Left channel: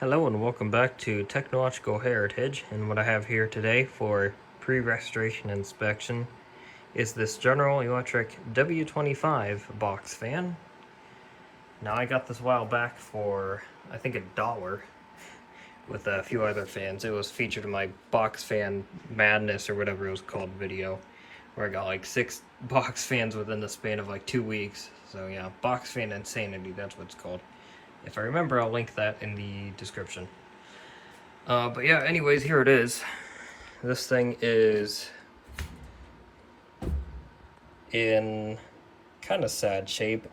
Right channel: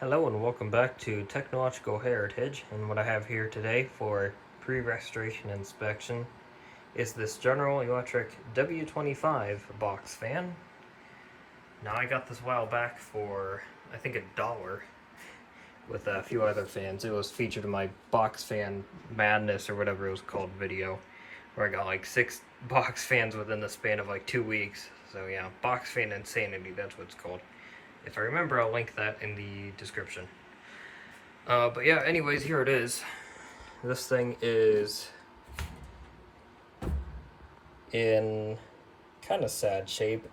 Hello and welcome back to Technological Heritage, and what I have here today for pre-restoration inspection is this General Electric W25 box fan. Now I got this a while back for I think $1 with a few other fans. It was featured in my box fan madness or whatever it was called video, where I got like 6 box fans within the span of like 2 weeks. So yeah, box fan insanity, that's what it's called. If I remember, I'll link that in the description. But yeah, anyways, here it is. This thing is in kind of sad shape.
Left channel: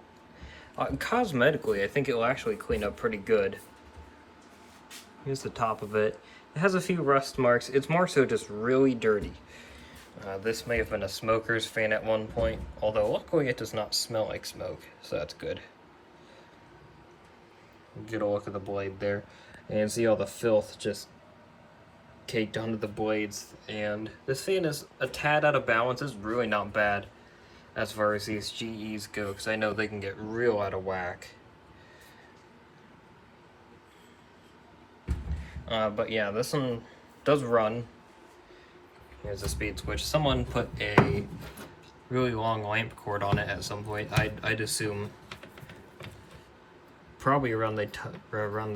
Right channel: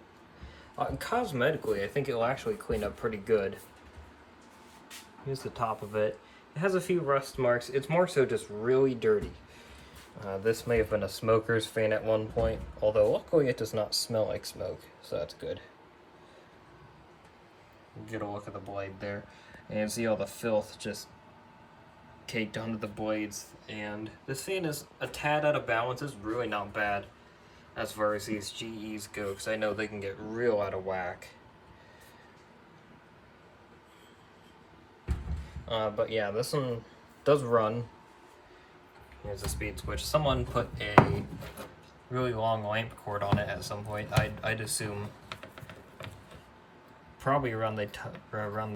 Cosmetically, I think it'll actually clean up pretty good. Here's the top of it. It has a few rust marks. It's more so just really dirty. This may have been a smoker's fan at one point, although luckily it does not smell like smoke, so that's good. Get a look at the blade there, and see all the filth just caked onto the blades. And this fan is a tad out of balance. It's really not bad as far as these GEs go, because I know they can get real out of whack. But yeah, this one does run. Here's the speed switch. Someone put a really long lamp cord on it at some point. I'd assume probably around the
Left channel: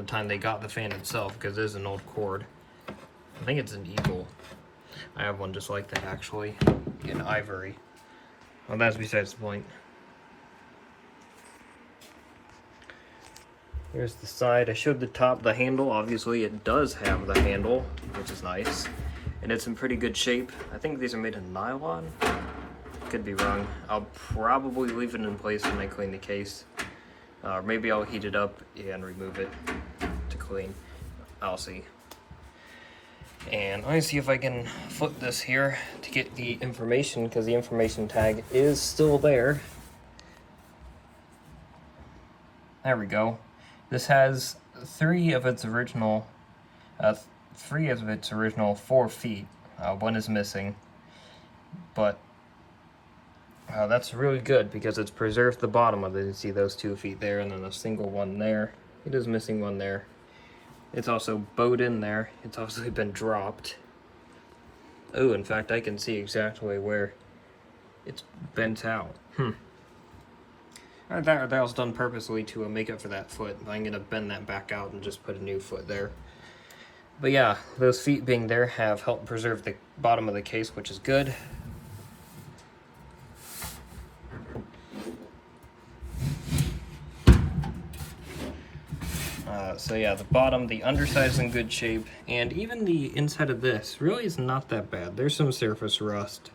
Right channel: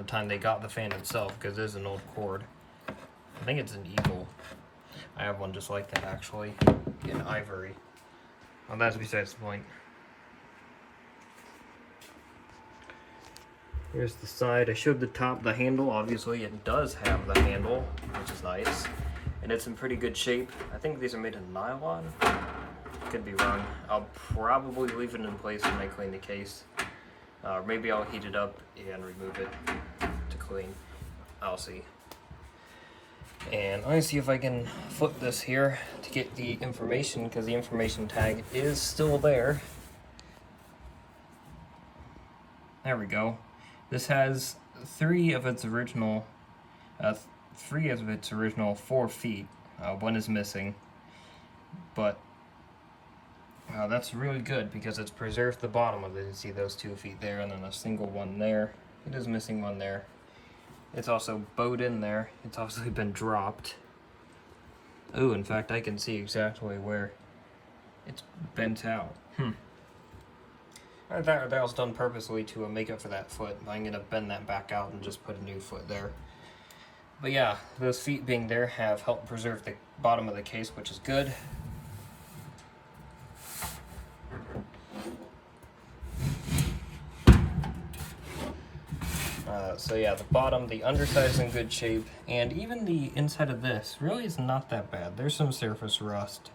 time they got the fan itself, because it is an old cord. I think it's an Eagle. I have one just like that actually, in ivory. Well, that's besides the point. Here's the side. I showed the top, the handle. Obviously it does have the handle, which is nice. And it's in pretty good shape. I think these are made of nylon. Could be wrong. I'll probably leave it in place when I clean the case. Maybe I'll heat it up and remove it to clean. I'll see. And let me see if I can flip this here to get the information, because the information tag is still there. There we go. This has three of its original 4 feet. One is missing, but that's really good because it's preserved the bottom of it. You see those 2 feet there, and then a single one there. It is missing one there. It's also bowed in there. It's obviously been dropped. Oh, in fact, I can see exactly where it's bent out. That was done purposely to make up for that foot. I'm gonna bend that back out and just put a new foot there. But yeah, those feet being there have helped preserve the bottom of the case, which is good. So yeah, the bottom, the underside is in good shape, and even the inside of this really is not that bad. There's some surface rust.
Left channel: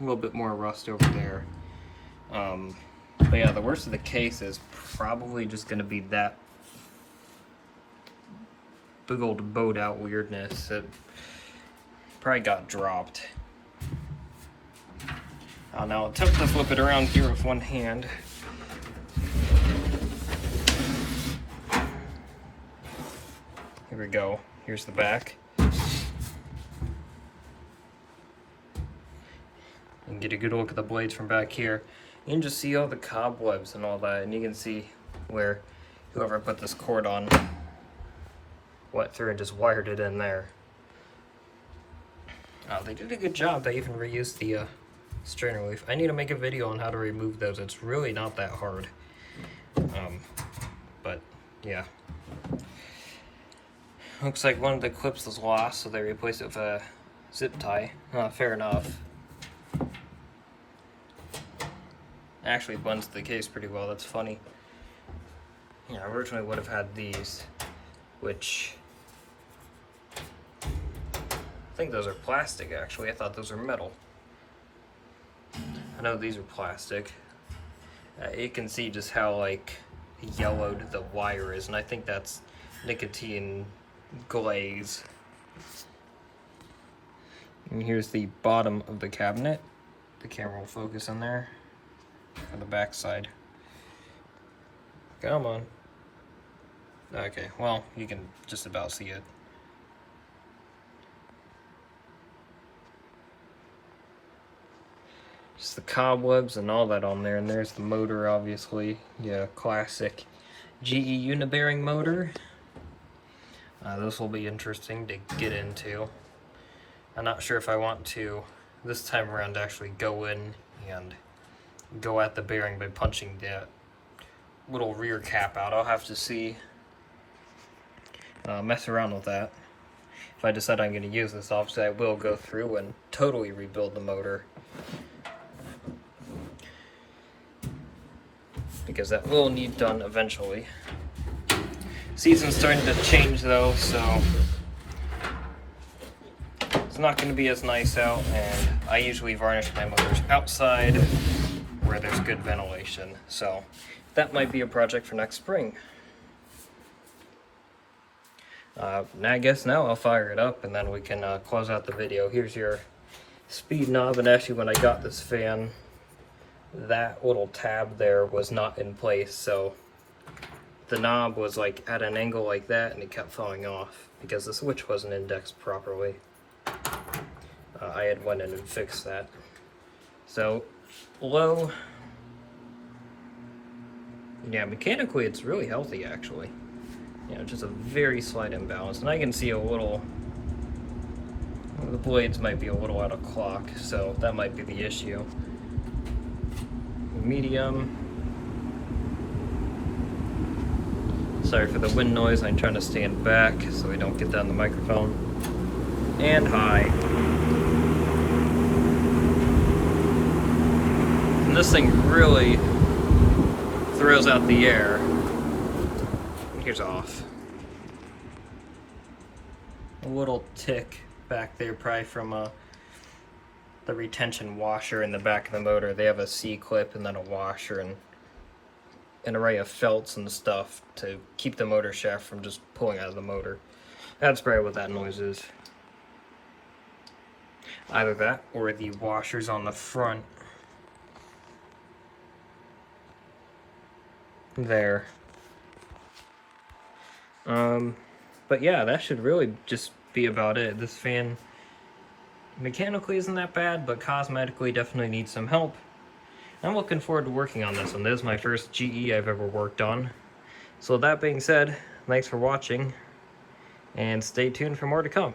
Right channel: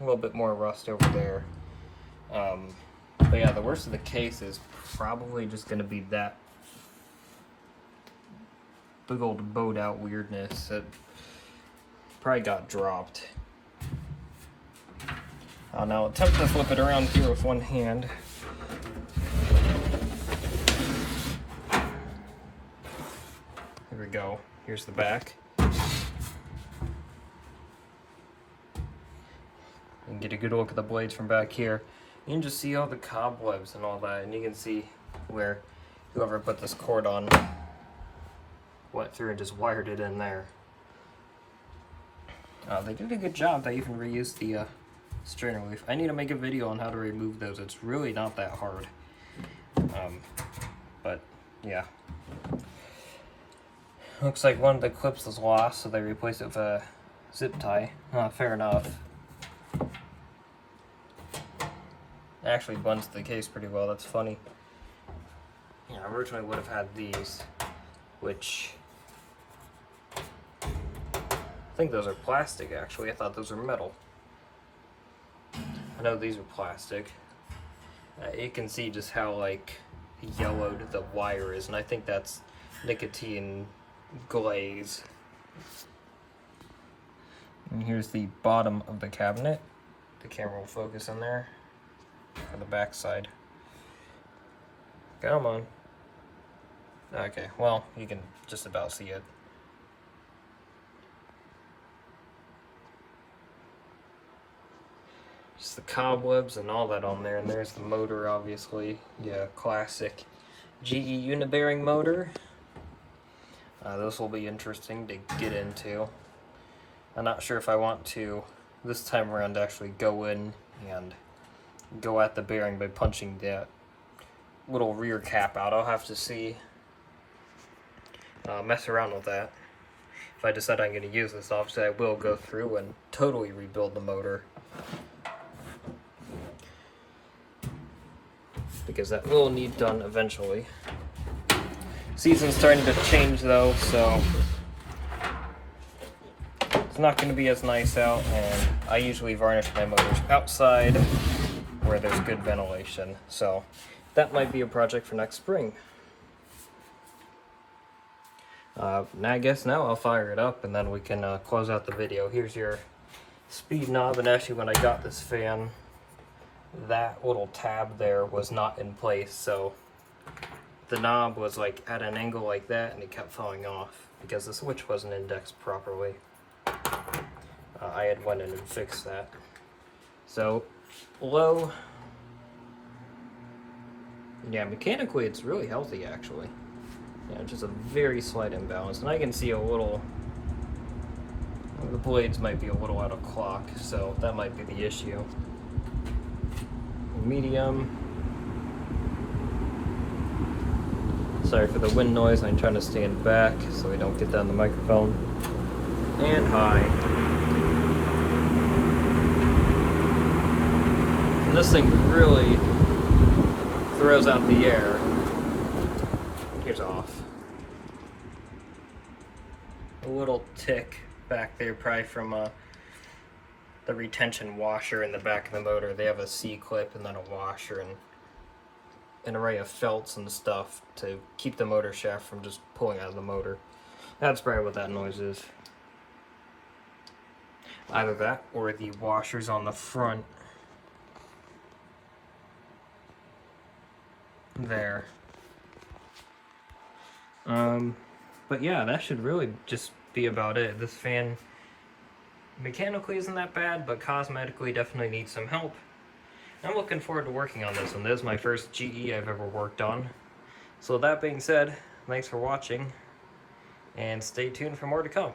A little bit more rust over there. But yeah, the worst of the case is probably just going to be that big old bowed out weirdness. It probably got dropped. I'll now attempt to flip it around here with one hand. Here we go. Here's the back. And get a good look at the blades from back here. You can just see all the cobwebs and all that, and you can see where whoever put this cord on went through and just wired it in there. They did a good job. They even reused the strainer leaf. I need to make a video on how to remove those. It's really not that hard. But yeah. Looks like one of the clips was lost, so they replaced it with a zip tie. Fair enough. Actually blends the case pretty well. That's funny. Yeah, I originally would have had these, which I think those are plastic actually. I thought those were metal. I know these are plastic. You can see just how like yellowed the wire is, and I think that's nicotine glaze. And here's the bottom of the cabinet. The camera will focus in there. On the back side. Come on. Okay, well, you can just about see it. Just the cobwebs and all that on there, and there's the motor, obviously. Yeah, classic GE unibearing motor. This will be interesting to get into. I'm not sure if I want to, this time around, actually go in and go at the bearing by punching that little rear cap out. I'll have to see, mess around with that. If I decide I'm going to use this, obviously I will go through and totally rebuild the motor, because that will need done eventually. Season's starting to change though, so it's not going to be as nice out, and I usually varnish my motors outside where there's good ventilation, so that might be a project for next spring. Now I guess I'll fire it up and then we can close out the video. Here's your speed knob, and actually when I got this fan, that little tab there was not in place, so the knob was like at an angle like that and it kept falling off because the switch wasn't indexed properly. I had went in and fixed that. So low, yeah, mechanically it's really healthy actually. You know, just a very slight imbalance, and I can see a little, the blades might be a little out of clock, so that might be the issue. Medium. Sorry for the wind noise, I'm trying to stand back so we don't get that on the microphone. And high. And this thing really throws out the air. Here's off. A little tick back there, probably from the retention washer in the back of the motor. They have a C-clip and then a washer and an array of felts and stuff to keep the motor shaft from just pulling out of the motor. That's probably what that noise is. Either that or the washers on the front. There. But yeah, that should really just be about it. This fan mechanically isn't that bad, but cosmetically definitely needs some help. I'm looking forward to working on this one. This is my first GE I've ever worked on. So that being said, thanks for watching, and stay tuned for more to come.